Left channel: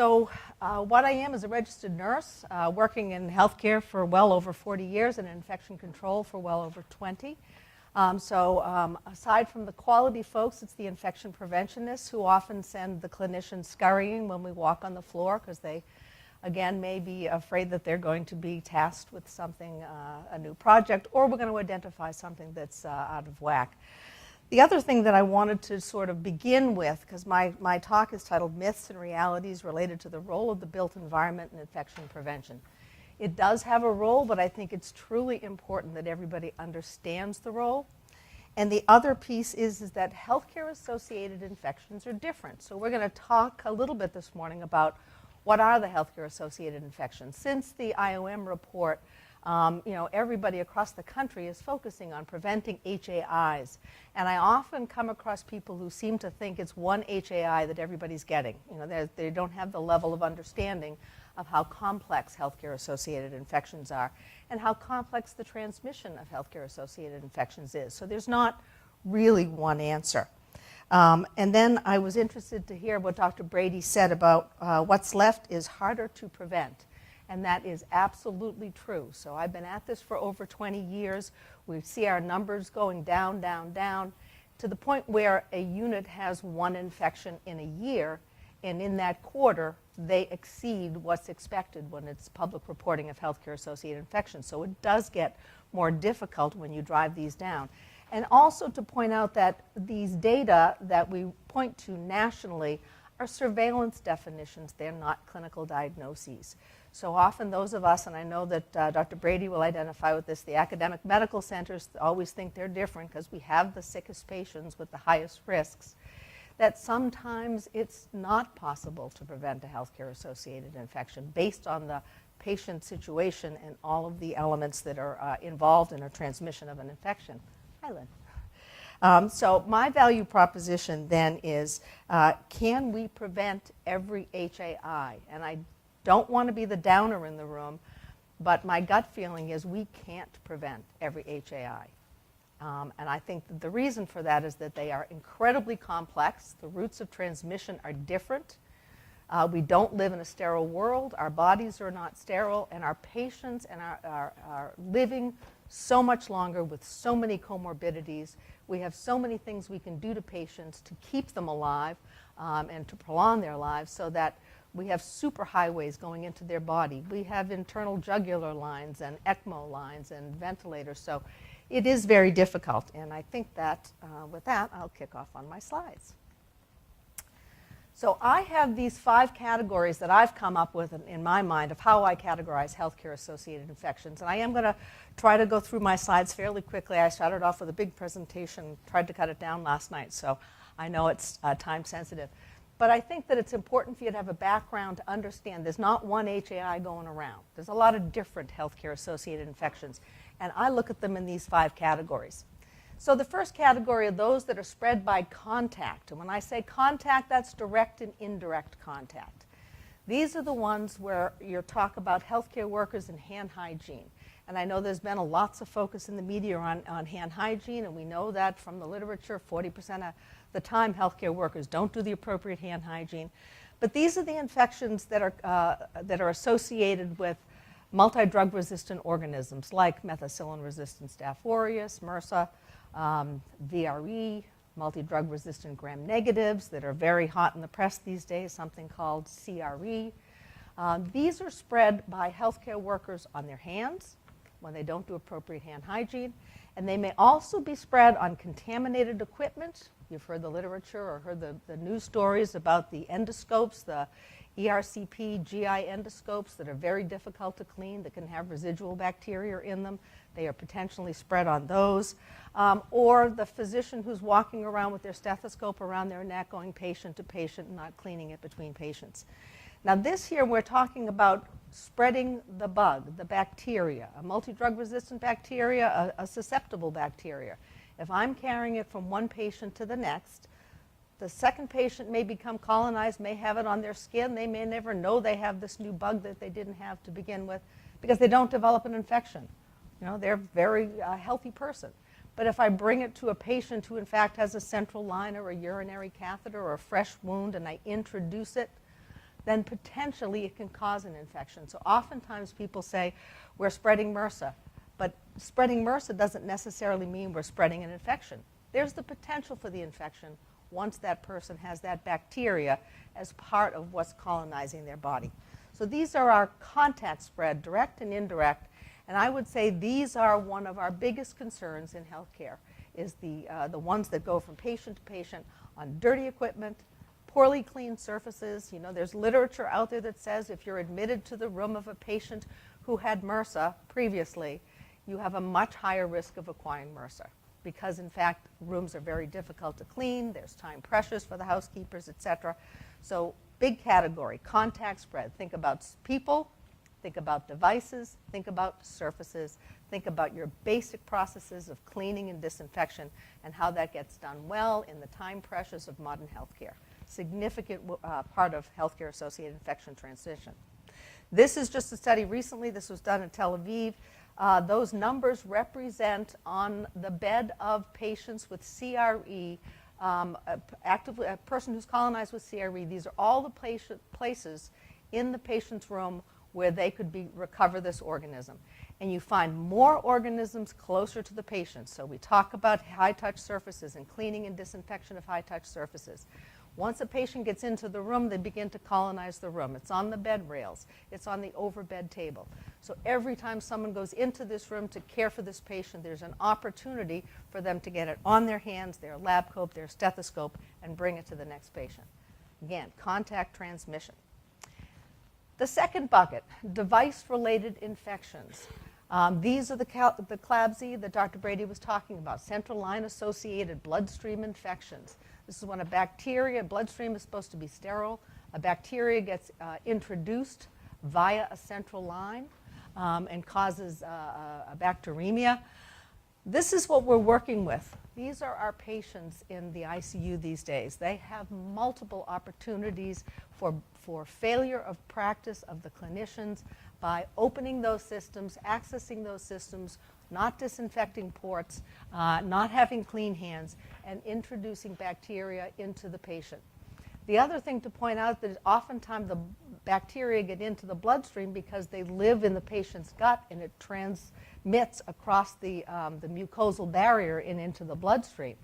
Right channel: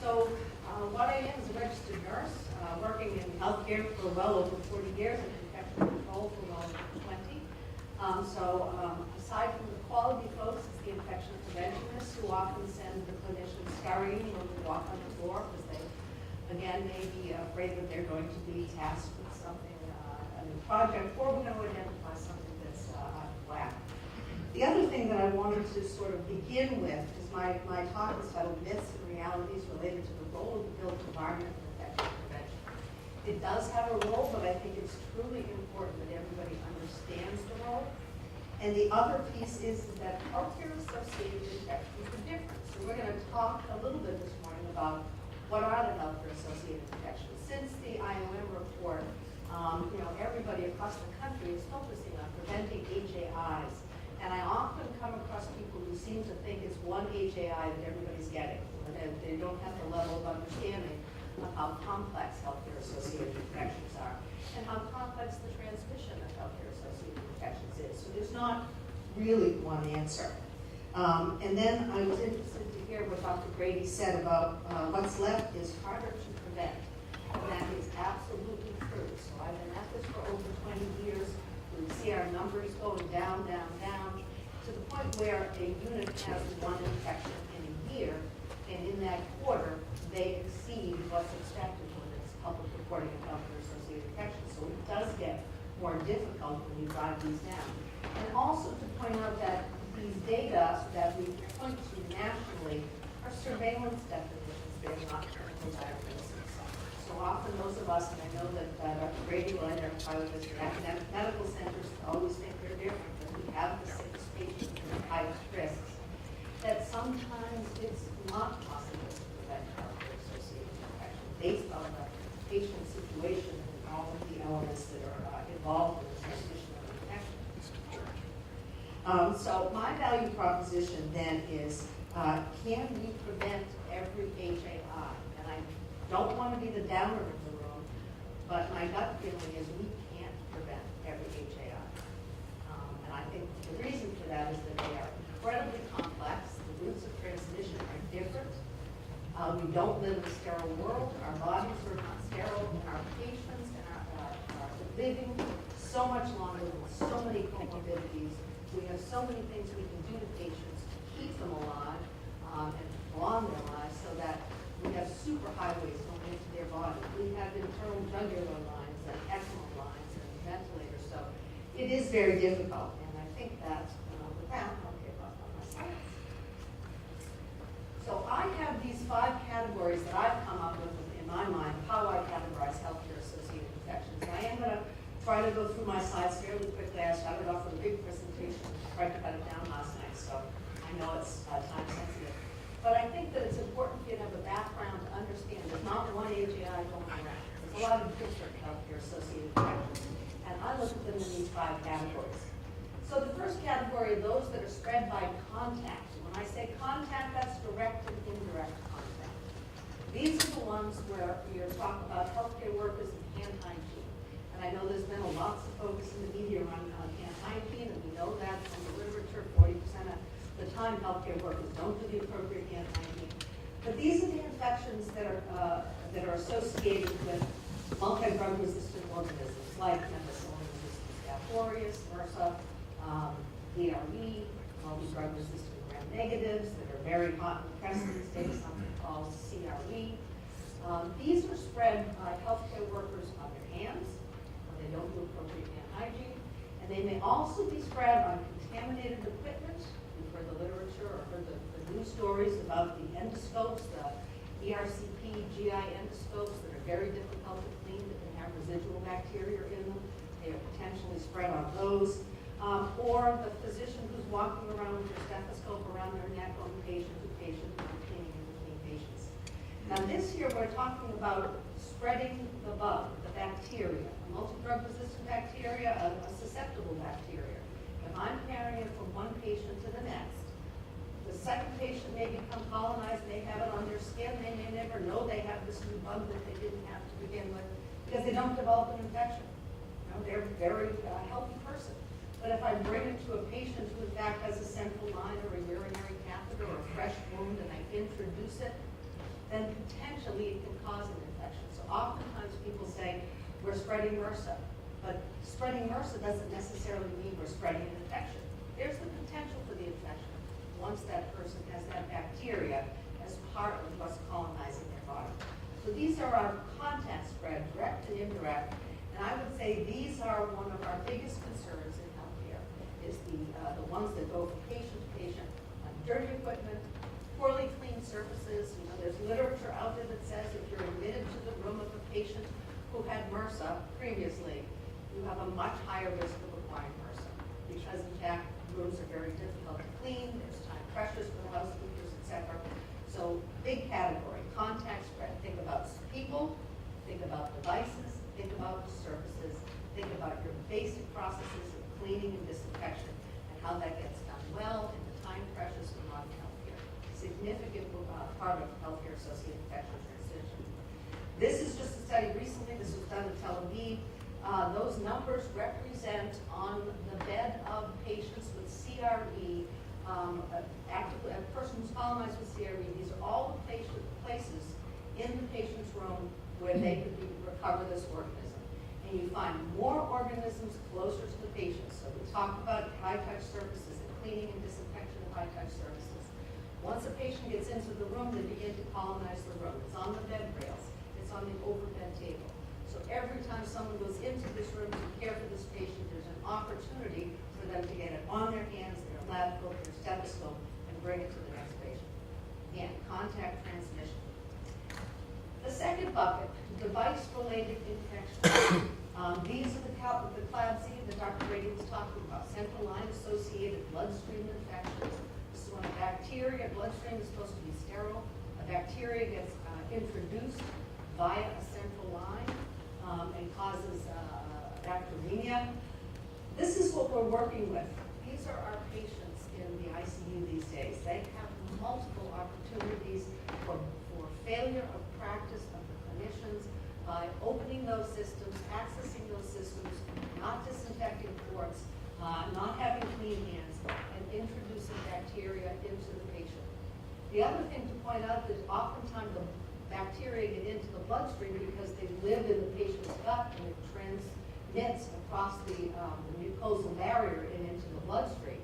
What I am is a registered nurse working in healthcare for well over 40 years and in infection control for well over 20. Aside from the quality folks, it's the infection preventionists who often send the clinicians scurrying when we walk on the floor because they, again, may be afraid that they're going to be tasked with something, a new project, or we're going to identify something that's out of whack. The other thing that I wanted to sort of begin with, because my talk is titled Myths and Realities Related to the Role of the Built Environment in Infection Prevention. It does have a role, but I think it's truly important that everybody understands the role. And the other piece is that healthcare-associated infections are different. So we're going to talk a little bit this morning about what are the healthcare-associated infections. Since the IOM report, everybody across the country is focusing on preventing HAIs. And I often come across people who seem to think it's one HAI that everybody's getting. They don't have the level of understanding of how complex healthcare-associated infections are and how complex the transmission of healthcare-associated infections is. So there's not really one answer. And then I was interested to hear what Dr. Brady said about what's left is harder to prevent. And that is absolutely true. So I've been at this for over 20 years. We see our numbers going down, down, down, to the point where a unit has one infection in a year, and in that quarter, they exceed what's expected when it's public reporting of healthcare-associated infections. So it does get more difficult when you drive these down. And also to point out that these data that we point to nationally are surveillance definitions. They're not clinical diagnoses. So often those of us, and I know that Dr. Brady will identify with this, the academic medical centers always think they're different because we have the sickest patients with the highest risks, that sometimes it's not possible to prevent a healthcare-associated infection based on the patient situation and all of the elements that are involved in the transmission of an infection. So my value proposition then is, can we prevent every HAI? And I don't want to be the downer in the room, but my gut feeling is we can't prevent every HAI. And I think the reason for that is that they are incredibly complex. The routes of transmission are different. We don't live in a sterile world. Our bodies are not sterile, and our patients are living so much longer with so many comorbidities. We have so many things we can do to patients to keep them alive and to prolong their lives so that we have superhighways going into their body. We have internal jugular lines and ECMO lines and ventilators. So it is very difficult. And I think that with that, I'll kick off on my slides. So I have these 5 categories that I've come up with in my mind of how I categorize healthcare-associated infections. And I am going to try to go through my slides fairly quickly. I started off with a big presentation and tried to cut it down last night, so I know it's time sensitive. But I think that it's important for you to have a background to understand there's not one HAI going around. There's a lot of different healthcare-associated infections. And I look at them in these 5 categories. So the first category are those that are spread by contact. And when I say contact, that's direct and indirect contact. These are the ones where you talk about healthcare workers and hand hygiene. And I know there's been lots of focus in the media on hand hygiene, and we know that from the literature, 40% of the time healthcare workers don't do the appropriate hand hygiene. But these are the infections that are associated with multi-drug resistant organisms like methicillin-resistant Staph aureus, MRSA, VRE, multi-drug resistant gram-negatives that are very hot in the press these days, something called CRE. These are spread by healthcare workers on their hands when they don't do appropriate hand hygiene. And they may also be spread on contaminated equipment. You've heard the literature or heard the news stories about the endoscopes, the ERCP GI endoscopes that are very difficult to clean, that can have residual bacteria in them. They are potentially spread on those. Or the physician who's walking around with their stethoscope around their neck going patient to patient, not cleaning in between patients. Now this here, we're talking about spreading the bug, the bacteria, a multi-drug resistant bacteria, a susceptible bacteria. If I'm carrying it from one patient to the next, the second patient may become colonized, may have it on their skin. They may never know they have this new bug that they didn't have to begin with because they don't develop an infection. They're a very healthy person. But if I bring it to a patient who in fact has a central line or a urinary catheter or a fresh wound and I introduce it, then potentially it can cause an infection. So oftentimes people say, we're spreading MRSA, but spreading MRSA doesn't necessarily mean we're spreading an infection. There's the potential for the infection once that person has that bacteria as part of what's colonizing their body. So these are our contact spread, direct and indirect, and I would say these are one of our biggest concerns in healthcare, is the ones that go from patient to patient on dirty equipment, poorly cleaned surfaces. You know, there's literature out there that says if you're admitted to the room of a patient who had MRSA previously, you have a much higher risk of acquiring MRSA because, in fact, rooms are very difficult to clean. There's time pressures for the housekeepers, et cetera. So big category, contact spread. Think about people, think about devices, think about surfaces, think about your basic processes of cleaning and disinfection and how that gets done well in the time pressures of modern healthcare. Significant part of healthcare-associated infection transmission. This is just a study recently. This was done in Tel Aviv. Those numbers represent on the bed of patients with CRE, a person who's colonized with CRE. These are all the places in the patient's room where they could recover this organism. And you find more organisms closer to the patient. So we talk about high-touch surfaces and cleaning and disinfection of high-touch surfaces. Once a patient gets into the room, they begin to colonize the room. It's on the bed rails. It's on the overbed table. So every time someone goes into this room to care for this patient, there's an opportunity for them to get it on their hands, their lab coat, their stethoscope, and bring it to the next patient. Again, contact transmission. The second bucket, device-related infections. These are the CLABSI that Dr. Brady was talking about, central line-associated bloodstream infections. This is when a bacteria, bloodstream is supposed to be sterile, a bacteria gets introduced via a central line and causes bacteremia. This is what we're working with. These are our patients in the ICU these days. They have multiple opportunities for failure of practice of the clinicians by opening those systems, accessing those systems, not disinfecting ports, not having clean hands, and introducing bacteria into the patient. The other thing to point out is oftentimes the bacteria get into the bloodstream because they live in the patient's gut and it transmits across the mucosal barrier and into the bloodstream.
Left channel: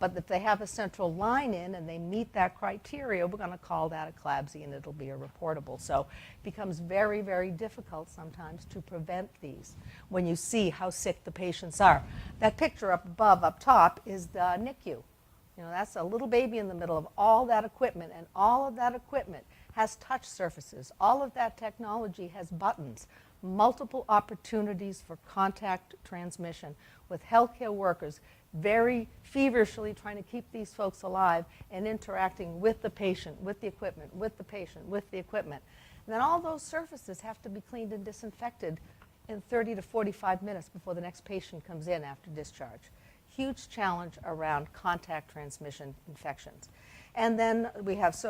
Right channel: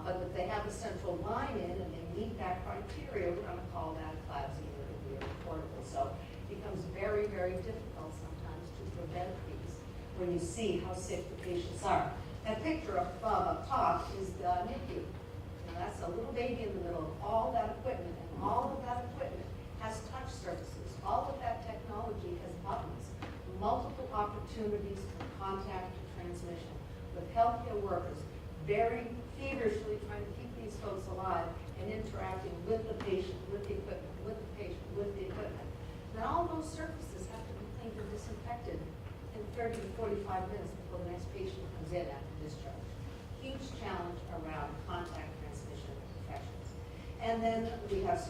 But if they have a central line in and they meet that criteria, we're going to call that a CLABSI and it'll be a reportable. So it becomes very, very difficult sometimes to prevent these when you see how sick the patients are. That picture up above, up top, is the NICU. You know, that's a little baby in the middle of all that equipment, and all of that equipment has touch surfaces. All of that technology has buttons, multiple opportunities for contact transmission with healthcare workers very feverishly trying to keep these folks alive and interacting with the patient, with the equipment, with the patient, with the equipment. And then all those surfaces have to be cleaned and disinfected in 30 to 45 minutes before the next patient comes in after discharge. Huge challenge around contact transmission infections. And then we have,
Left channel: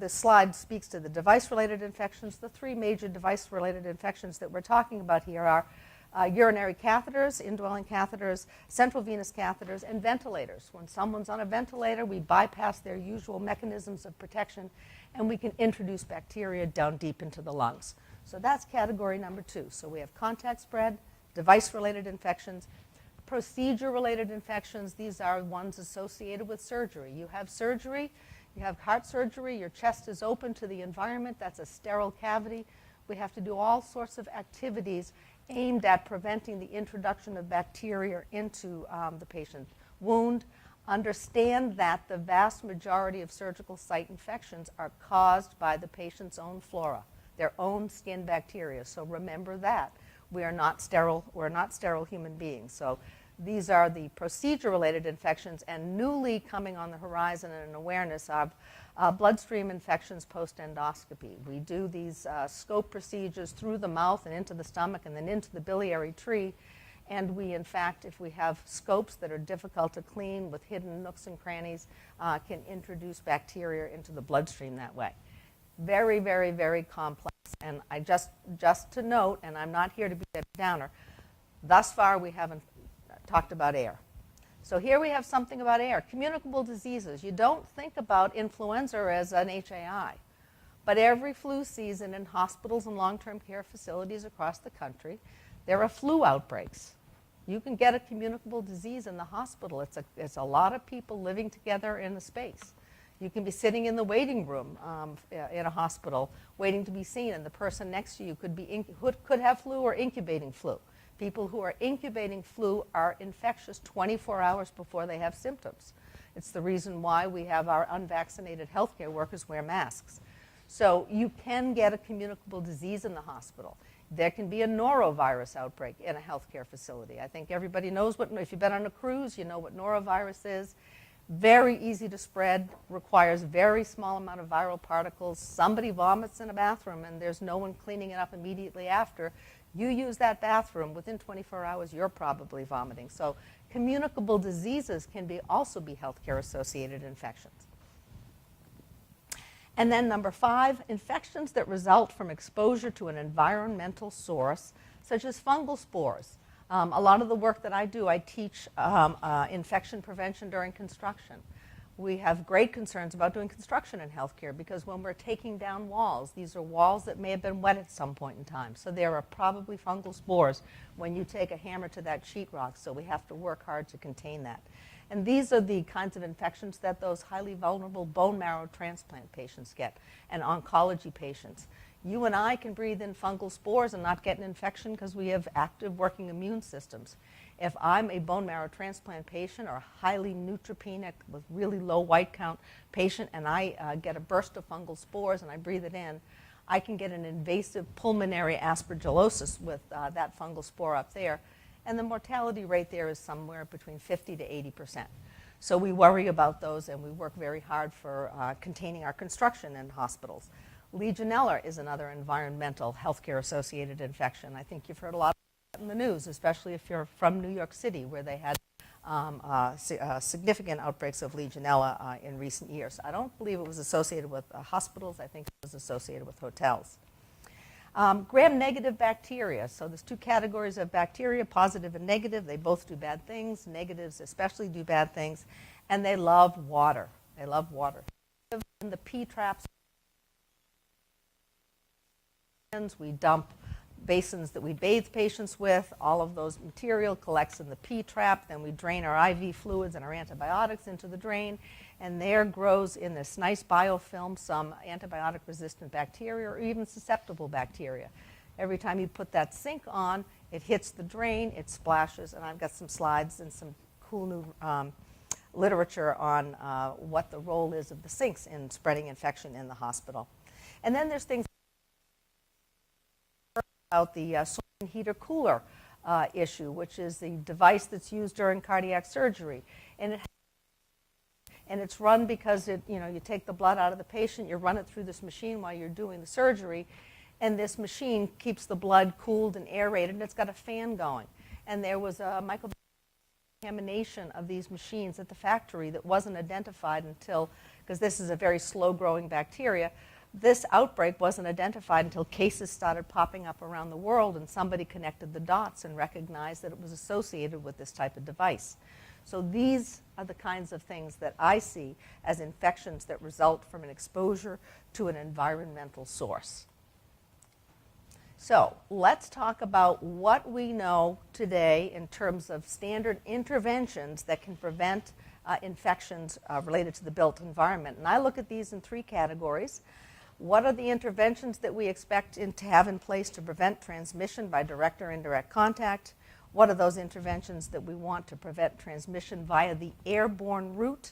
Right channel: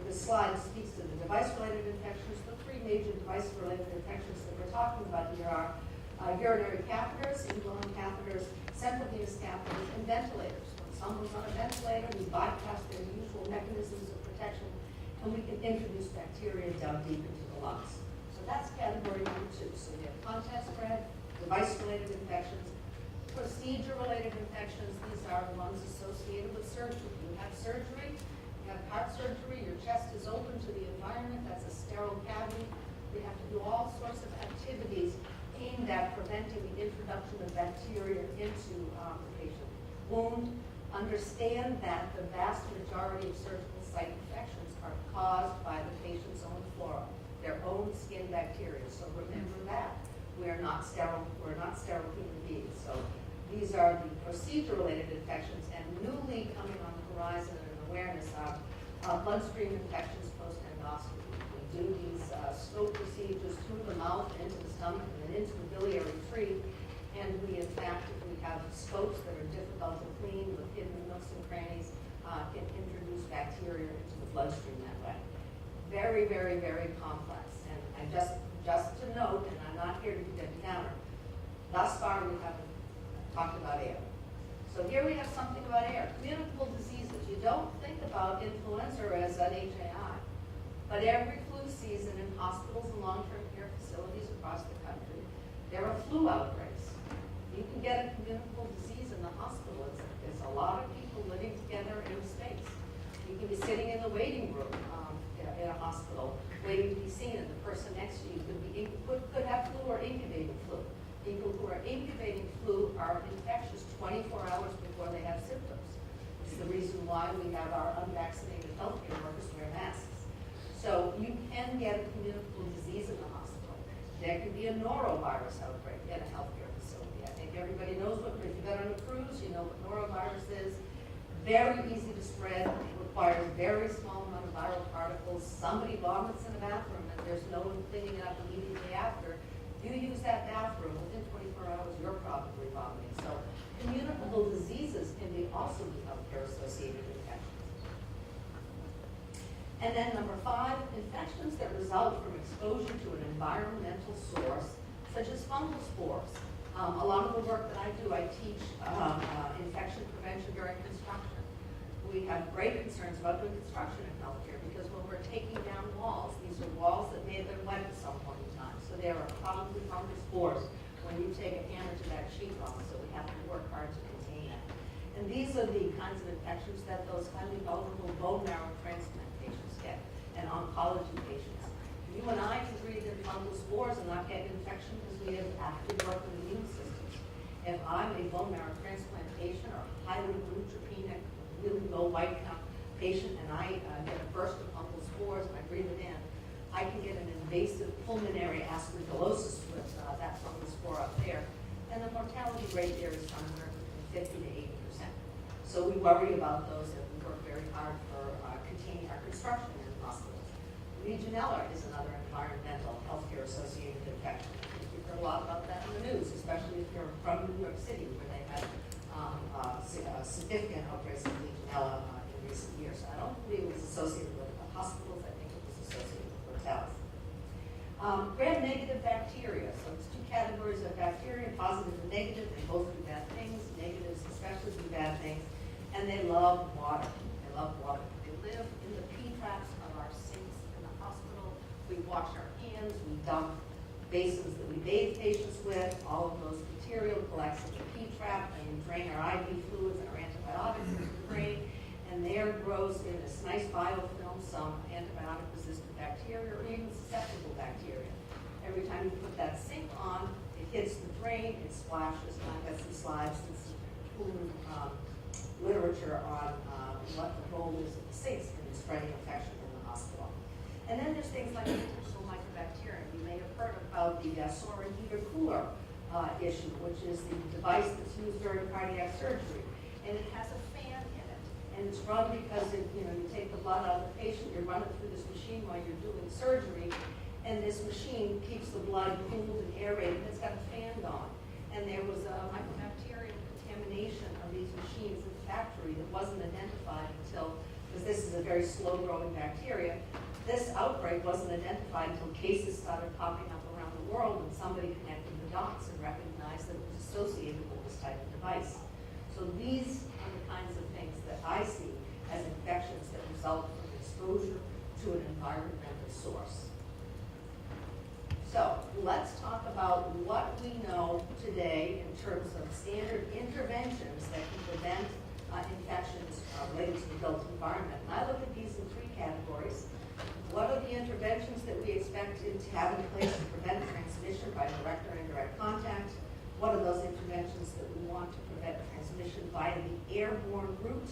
this slide speaks to the device-related infections. The three major device-related infections that we're talking about here are urinary catheters, indwelling catheters, central venous catheters, and ventilators. When someone's on a ventilator, we bypass their usual mechanisms of protection, and we can introduce bacteria down deep into the lungs. So that's category number 2. So we have contact spread, device-related infections, procedure-related infections. These are ones associated with surgery. You have surgery, you have heart surgery, your chest is open to the environment, that's a sterile cavity. We have to do all sorts of activities aimed at preventing the introduction of bacteria into the patient wound. Understand that the vast majority of surgical site infections are caused by the patient's own flora, their own skin bacteria. So remember that. We are not sterile, we're not sterile human beings. So these are the procedure-related infections, and newly coming on the horizon and an awareness of bloodstream infections post-endoscopy. We do these scope procedures through the mouth and into the stomach and then into the biliary tree. And we, in fact, if we have scopes that are difficult to clean with hidden nooks and crannies, can introduce bacteria into the bloodstream that way. Very, very, very complex. And I just to note, and I'm not here to be a downer, thus far we haven't talked about air. So here we have something about air. Communicable diseases. You don't think about influenza as an HAI. But every flu season in hospitals and long-term care facilities across the country, there are flu outbreaks. You can get a communicable disease in the hospital. It's a lot of people living together in the space. You can be sitting in the waiting room in a hospital waiting to be seen, and the person next to you could have flu or incubating flu. People who are incubating flu are infectious 24 hours before they have symptoms. It's the reason why we have our unvaccinated healthcare workers wear masks. So you can get a communicable disease in the hospital. There can be a norovirus outbreak in a healthcare facility. I think everybody knows if you've been on a cruise, you know what norovirus is. Very easy to spread, requires a very small amount of viral particles. Somebody vomits in a bathroom and there's no one cleaning it up immediately after. You use that bathroom, within 24 hours, you're probably vomiting. So communicable diseases can also be healthcare-associated infections. And then number 5, infections that result from exposure to an environmental source, such as fungal spores. A lot of the work that I do, I teach infection prevention during construction. We have great concerns about doing construction in healthcare because when we're taking down walls, these are walls that may have been wet at some point in time. So there are probably fungal spores when you take a hammer to that sheetrock, so we have to work hard to contain that. And these are the kinds of infections that those highly vulnerable bone marrow transplant patients get, and oncology patients. You and I can breathe in fungal spores and not get an infection because we have active working immune systems. If I'm a bone marrow transplant patient or a highly neutropenic with really low white count patient and I get a burst of fungal spores and I breathe it in, I can get an invasive pulmonary aspergillosis with that fungal spore up there. And the mortality rate there is somewhere between 50 to 80%. So we worry about those and we work very hard for containing our construction in hospitals. Legionella is another environmental healthcare associated infection. I think you've heard a lot about that in the news, especially if you're from New York City where they had significant outbreaks of Legionella in recent years. I don't believe it was associated with hospitals. I think it was associated with hotels. Gram-negative bacteria. So there's 2 categories of bacteria, positive and negative. They both do bad things. Negatives especially do bad things. And they love water. They love water. They live in the P-traps of our sinks in the hospital. We wash our hands. We dump basins that we bathe patients with. All of those material collects in the P-trap. Then we drain our IV fluids and our antibiotics into the drain. And there grows in this nice biofilm some antibiotic-resistant bacteria or even susceptible bacteria. Every time you put that sink on, it hits the drain, it splashes, and I've got some slides and some cool new literature on what the role is of the sinks in spreading infection in the hospital. And then there's things like intestinal microbacterium. You may have heard about the Superheater Cooler issue, which is the device that's used during cardiac surgery. And it has and it's run because you take the blood out of the patient, you run it through this machine while you're doing the surgery, and this machine keeps the blood cooled and aerated, and it's got a fan going. And there was a mycobacterial contamination of these machines at the factory that wasn't identified until, because this is a very slow-growing bacteria, this outbreak wasn't identified until cases started popping up around the world, and somebody connected the dots and recognized that it was associated with this type of device. So these are the kinds of things that I see as infections that result from an exposure to an environmental source. So let's talk about what we know today in terms of standard interventions that can prevent infections related to the built environment. And I look at these in 3 categories. What are the interventions that we expect to have in place to prevent transmission by direct or indirect contact? What are those interventions that we want to prevent transmission via the airborne route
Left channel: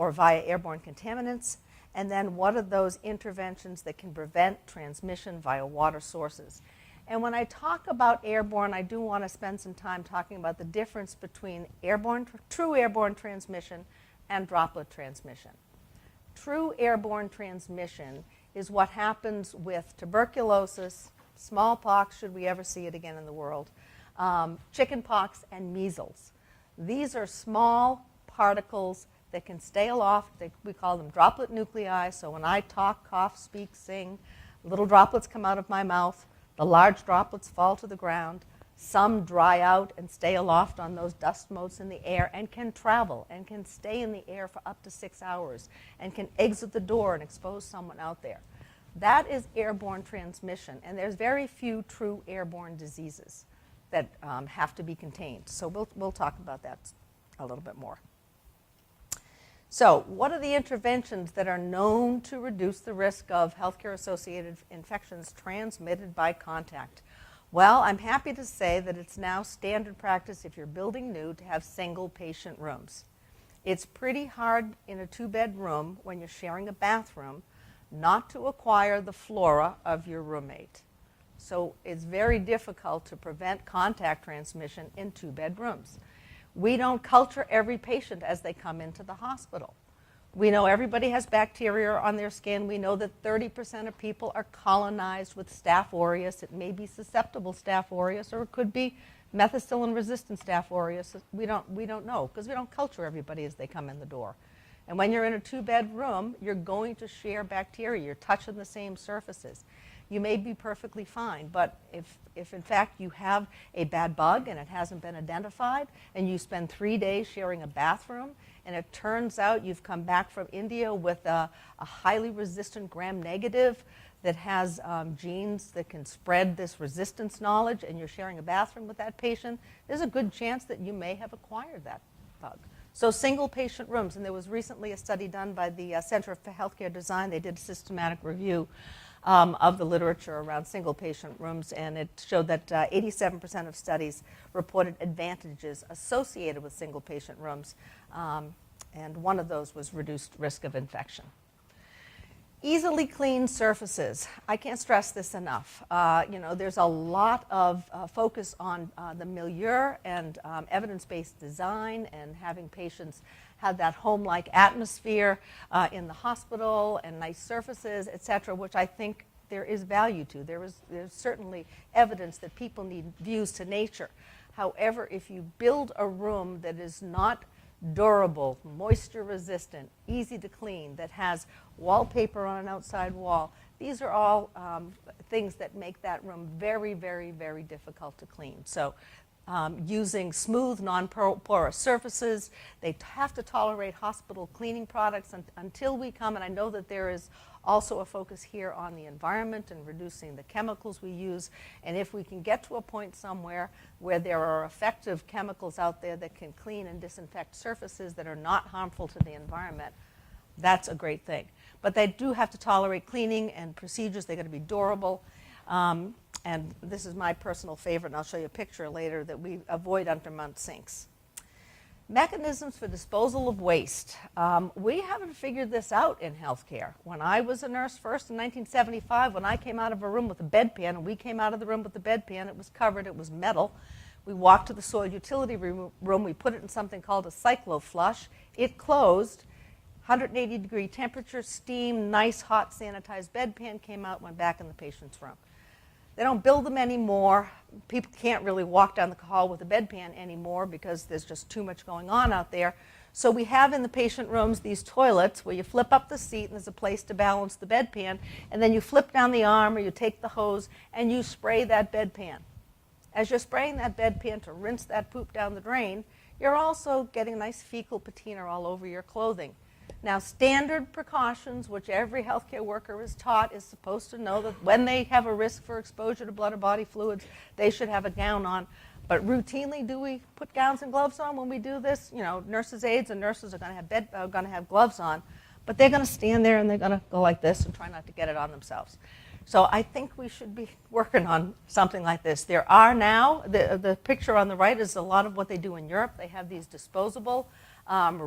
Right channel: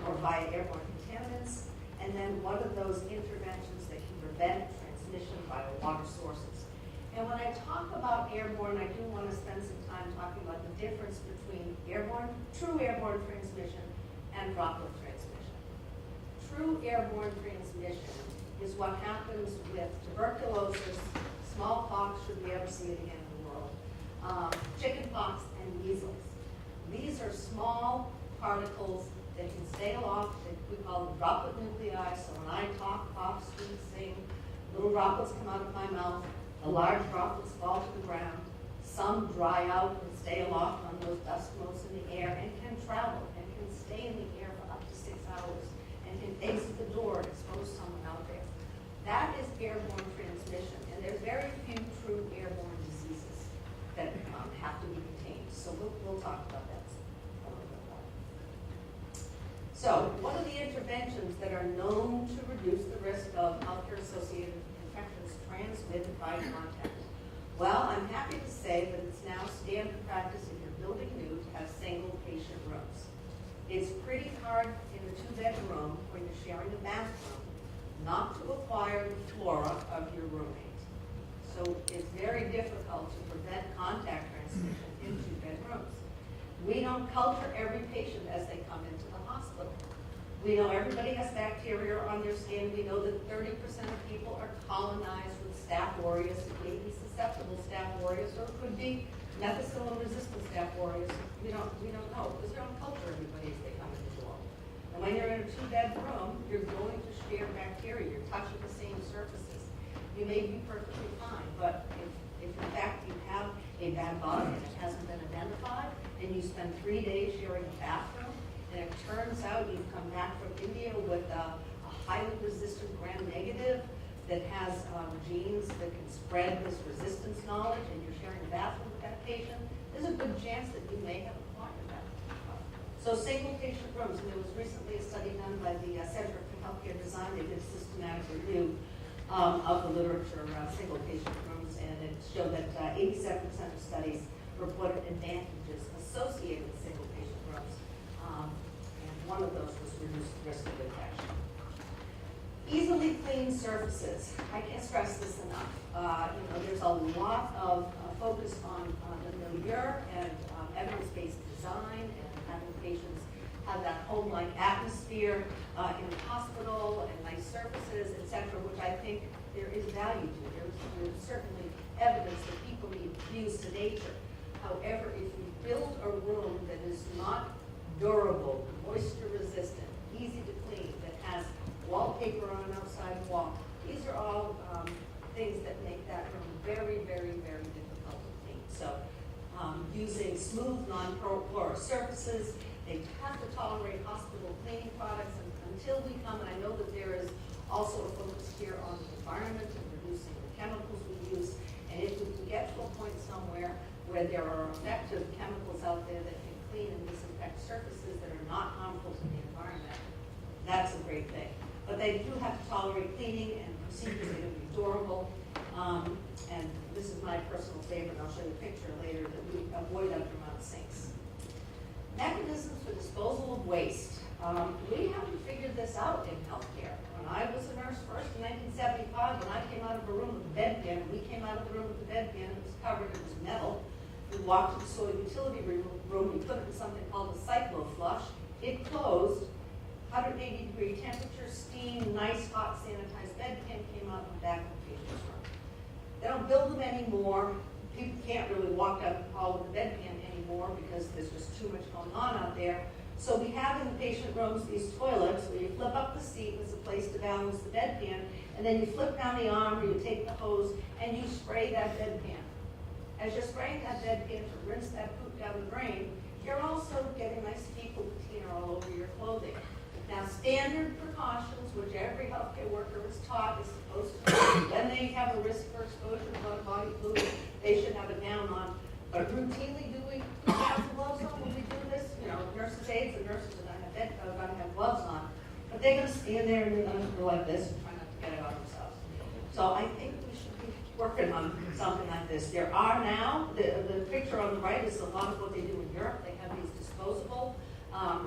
or via airborne contaminants? And then what are those interventions that can prevent transmission via water sources? And when I talk about airborne, I do want to spend some time talking about the difference between true airborne transmission and droplet transmission. True airborne transmission is what happens with tuberculosis, smallpox, should we ever see it again in the world, chickenpox, and measles. These are small particles that can stay aloft. We call them droplet nuclei. So when I talk, cough, speak, sing, little droplets come out of my mouth. The large droplets fall to the ground. Some dry out and stay aloft on those dust motes in the air and can travel and can stay in the air for up to 6 hours and can exit the door and expose someone out there. That is airborne transmission, and there's very few true airborne diseases that have to be contained. So we'll talk about that a little bit more. So what are the interventions that are known to reduce the risk of healthcare-associated infections transmitted by contact? Well, I'm happy to say that it's now standard practice if you're building new to have single patient rooms. It's pretty hard in a two-bed room when you're sharing a bathroom not to acquire the flora of your roommate. So it's very difficult to prevent contact transmission in two-bed rooms. We don't culture every patient as they come into the hospital. We know everybody has bacteria on their skin. We know that 30% of people are colonized with Staph aureus. It may be susceptible Staph aureus, or it could be methicillin-resistant Staph aureus. We don't know, because we don't culture everybody as they come in the door. And when you're in a two-bed room, you're going to share bacteria. You're touching the same surfaces. You may be perfectly fine, but if in fact you have a bad bug and it hasn't been identified, and you spend 3 days sharing a bathroom, and it turns out you've come back from India with a highly resistant gram-negative that has genes that can spread this resistance knowledge, and you're sharing a bathroom with that patient, there's a good chance that you may have acquired that bug. So single patient rooms, and there was recently a study done by the Center for Healthcare Design. They did a systematic review of the literature around single patient rooms, and it showed that 87% of studies reported advantages associated with single patient rooms, and one of those was reduced risk of infection. Easily cleaned surfaces. I can't stress this enough. There's a lot of focus on the milieu and evidence-based design and having patients have that home-like atmosphere in the hospital and nice surfaces, et cetera, which I think there is value to. There's certainly evidence that people need views to nature. However, if you build a room that is not durable, moisture resistant, easy to clean, that has wallpaper on an outside wall, these are all things that make that room very, very, very difficult to clean. So using smooth, non-porous surfaces, they have to tolerate hospital cleaning products until we come, and I know that there is also a focus here on the environment and reducing the chemicals we use, and if we can get to a point somewhere where there are effective chemicals out there that can clean and disinfect surfaces that are not harmful to the environment, that's a great thing. But they do have to tolerate cleaning and procedures. They're going to be durable. And this is my personal favorite, and I'll show you a picture later, that we avoid undermount sinks. Mechanisms for disposal of waste. We haven't figured this out in healthcare. When I was a nurse first in 1975, when I came out of a room with a bedpan, and we came out of the room with the bedpan, it was covered, it was metal. We walked to the soil utility room, we put it in something called a cyclo-flush. It closed, 180-degree temperature, steam, nice, hot, sanitized bedpan came out, went back in the patient's room. They don't build them anymore. People can't really walk down the hall with a bedpan anymore because there's just too much going on out there. So we have in the patient rooms these toilets where you flip up the seat and there's a place to balance the bedpan, and then you flip down the arm or you take the hose and you spray that bedpan. As you're spraying that bedpan to rinse that poop down the drain, you're also getting nice fecal patina all over your clothing. Now, standard precautions, which every healthcare worker is taught, is supposed to know that when they have a risk for exposure to blood or body fluids, they should have a gown on. But routinely, do we put gowns and gloves on when we do this? You know, nurses' aides and nurses are going to have gloves on, but they're going to stand there and they're going to go like this and try not to get it on themselves. So I think we should be working on something like this. There are now, the picture on the right is a lot of what they do in Europe. They have these disposable,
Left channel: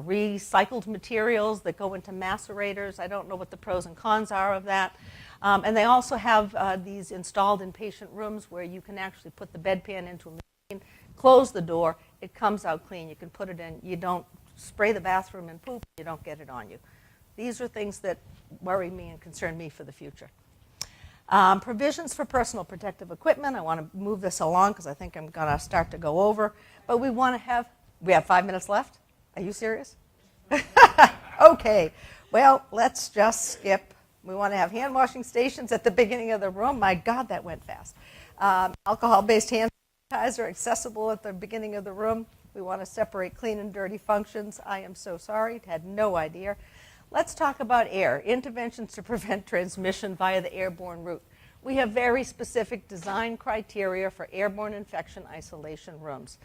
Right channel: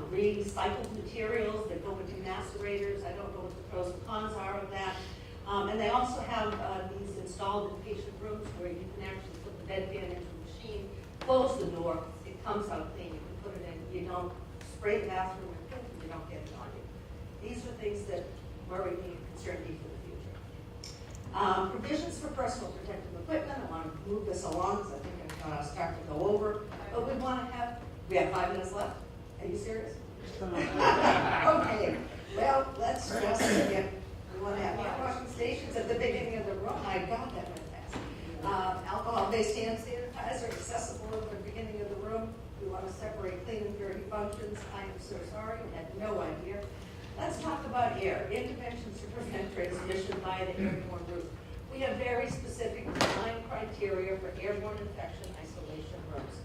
recycled materials that go into macerators. I don't know what the pros and cons are of that. And they also have these installed in patient rooms where you can actually put the bedpan into a machine, close the door, it comes out clean. You can put it in, you don't spray the bathroom and poop, you don't get it on you. These are things that worry me and concern me for the future. Provisions for personal protective equipment. I want to move this along because I think I'm going to start to go over. But we want to have, we have 5 minutes left? Are you serious? Okay, well, let's just skip. We want to have hand washing stations at the beginning of the room. My God, that went fast. Alcohol-based hand sanitizer accessible at the beginning of the room. We want to separate clean and dirty functions. I am so sorry, had no idea. Let's talk about air, interventions to prevent transmission via the airborne route. We have very specific design criteria for airborne infection isolation rooms.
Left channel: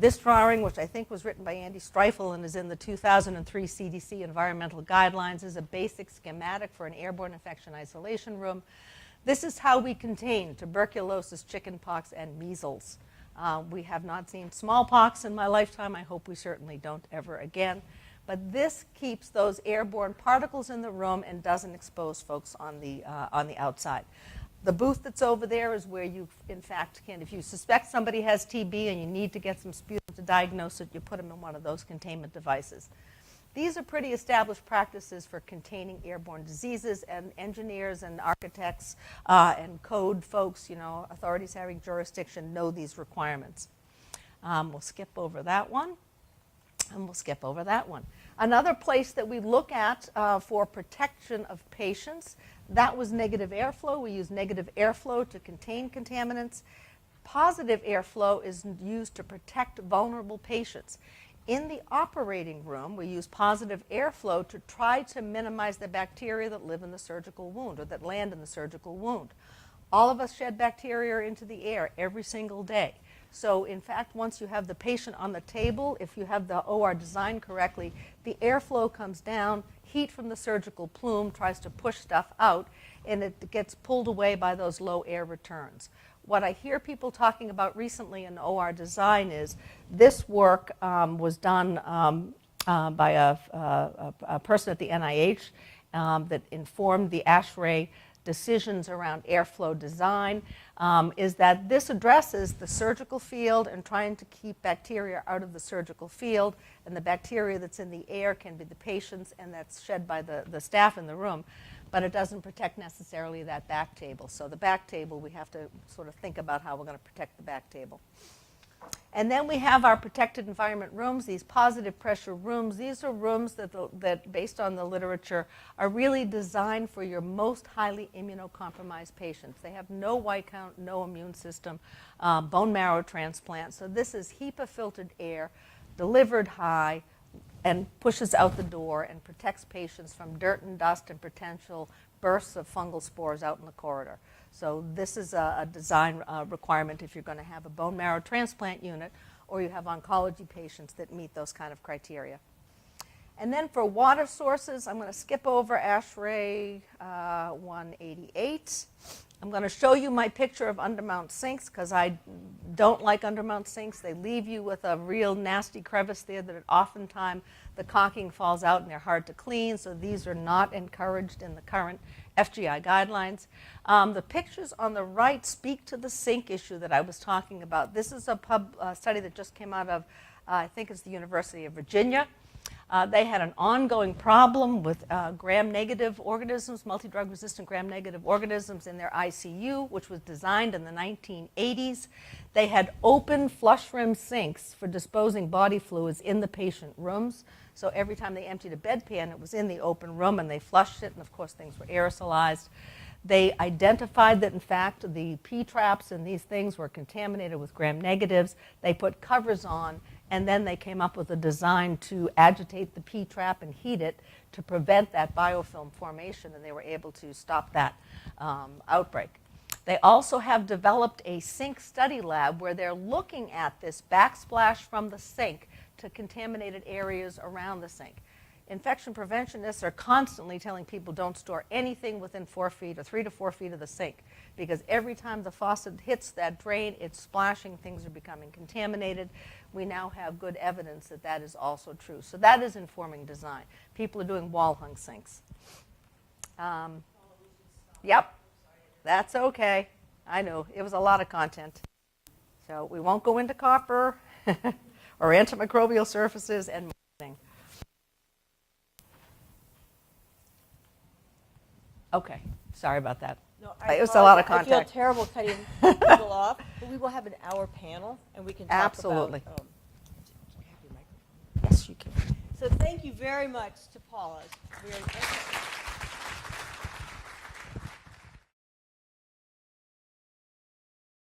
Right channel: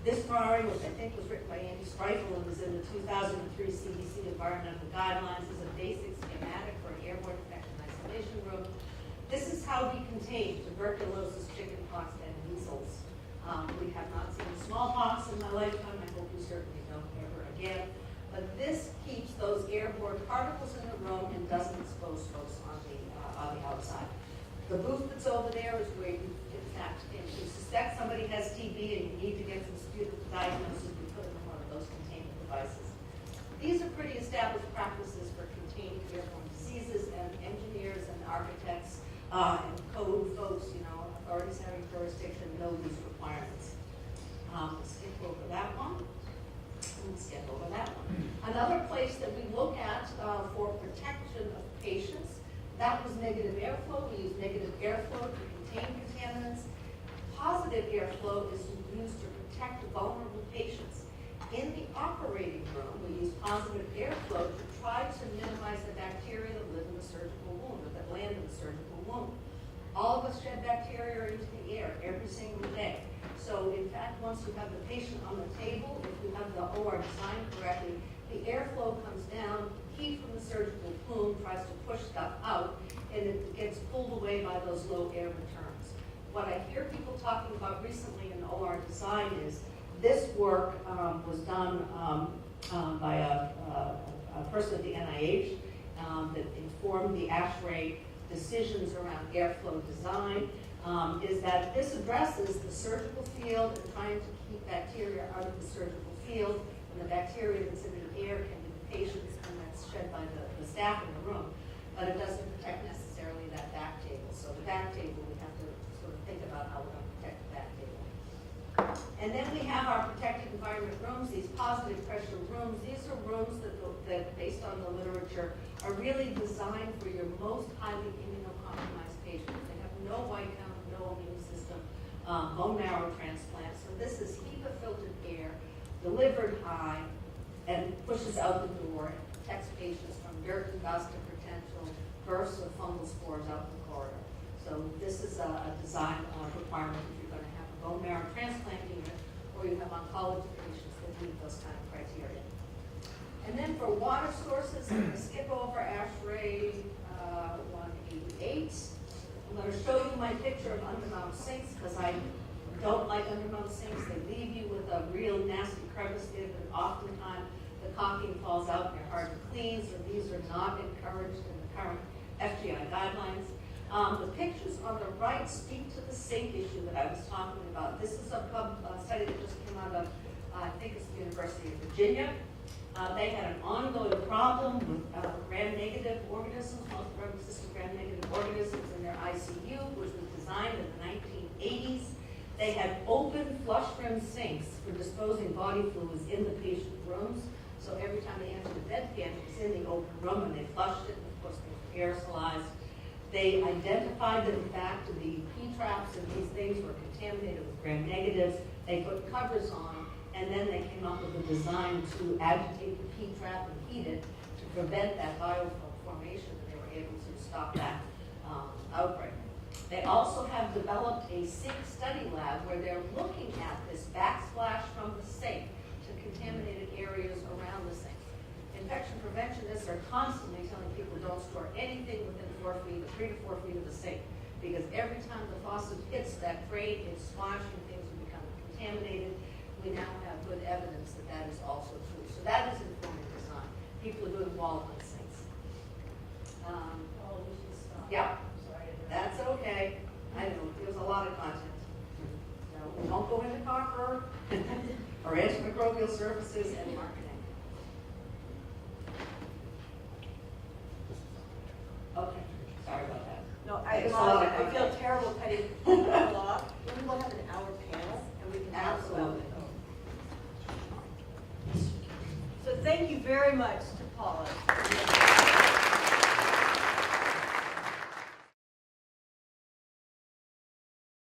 This drawing, which I think was written by Andy Streifel and is in the 2003 CDC environmental guidelines, is a basic schematic for an airborne infection isolation room. This is how we contain tuberculosis, chickenpox, and measles. We have not seen smallpox in my lifetime. I hope we certainly don't ever again. But this keeps those airborne particles in the room and doesn't expose folks on the outside. The booth that's over there is where you, in fact, can, if you suspect somebody has TB and you need to get some sputum to diagnose it, you put them in one of those containment devices. These are pretty established practices for containing airborne diseases, and engineers and architects and code folks, you know, authorities having jurisdiction know these requirements. We'll skip over that one, and we'll skip over that one. Another place that we look at for protection of patients, that was negative airflow. We use negative airflow to contain contaminants. Positive airflow is used to protect vulnerable patients. In the operating room, we use positive airflow to try to minimize the bacteria that live in the surgical wound or that land in the surgical wound. All of us shed bacteria into the air every single day. So in fact, once you have the patient on the table, if you have the OR designed correctly, the airflow comes down, heat from the surgical plume tries to push stuff out, and it gets pulled away by those low air returns. What I hear people talking about recently in OR design is this work was done by a person at the NIH that informed the ASHRAE decisions around airflow design, is that this addresses the surgical field and trying to keep bacteria out of the surgical field, and the bacteria that's in the air can be the patients and that's shed by the staff in the room, but it doesn't protect necessarily that back table. So the back table, we have to sort of think about how we're going to protect the back table. And then we have our protected environment rooms, these positive pressure rooms. These are rooms that, based on the literature, are really designed for your most highly immunocompromised patients. They have no white count, no immune system, bone marrow transplant. So this is HEPA filtered air, delivered high, and pushes out the door and protects patients from dirt and dust and potential bursts of fungal spores out in the corridor. So this is a design requirement if you're going to have a bone marrow transplant unit or you have oncology patients that meet those kind of criteria. And then for water sources, I'm going to skip over ASHRAE 188. I'm going to show you my picture of undermount sinks because I don't like undermount sinks. They leave you with a real nasty crevice there that oftentimes the caulking falls out and they're hard to clean. So these are not encouraged in the current FGI guidelines. The pictures on the right speak to the sink issue that I was talking about. This is a study that just came out of, I think it's the University of Virginia. They had an ongoing problem with gram-negative organisms, multi-drug resistant gram-negative organisms in their ICU, which was designed in the 1980s. They had open flush rim sinks for disposing body fluids in the patient rooms. So every time they emptied a bedpan, it was in the open room and they flushed it, and of course things were aerosolized. They identified that, in fact, the P-traps and these things were contaminated with gram-negatives. They put covers on, and then they came up with a design to agitate the P-trap and heat it to prevent that biofilm formation, and they were able to stop that outbreak. They also have developed a sink study lab where they're looking at this backsplash from the sink to contaminated areas around the sink. Infection preventionists are constantly telling people don't store anything within 4 feet or 3 to 4 feet of the sink, because every time the faucet hits that drain, it's splashing, things are becoming contaminated. We now have good evidence that that is also true. So that is informing design. People are doing wall hung sinks. Yep, that's okay. I know, it was a lot of content. So we won't go into copper or antimicrobial surfaces and marketing. Okay, sorry about that. No, It was a lot of I content. feel terrible cutting people off, but we will have an hour panel, and we can talk Absolutely. about Yes, you can. So thank you very much.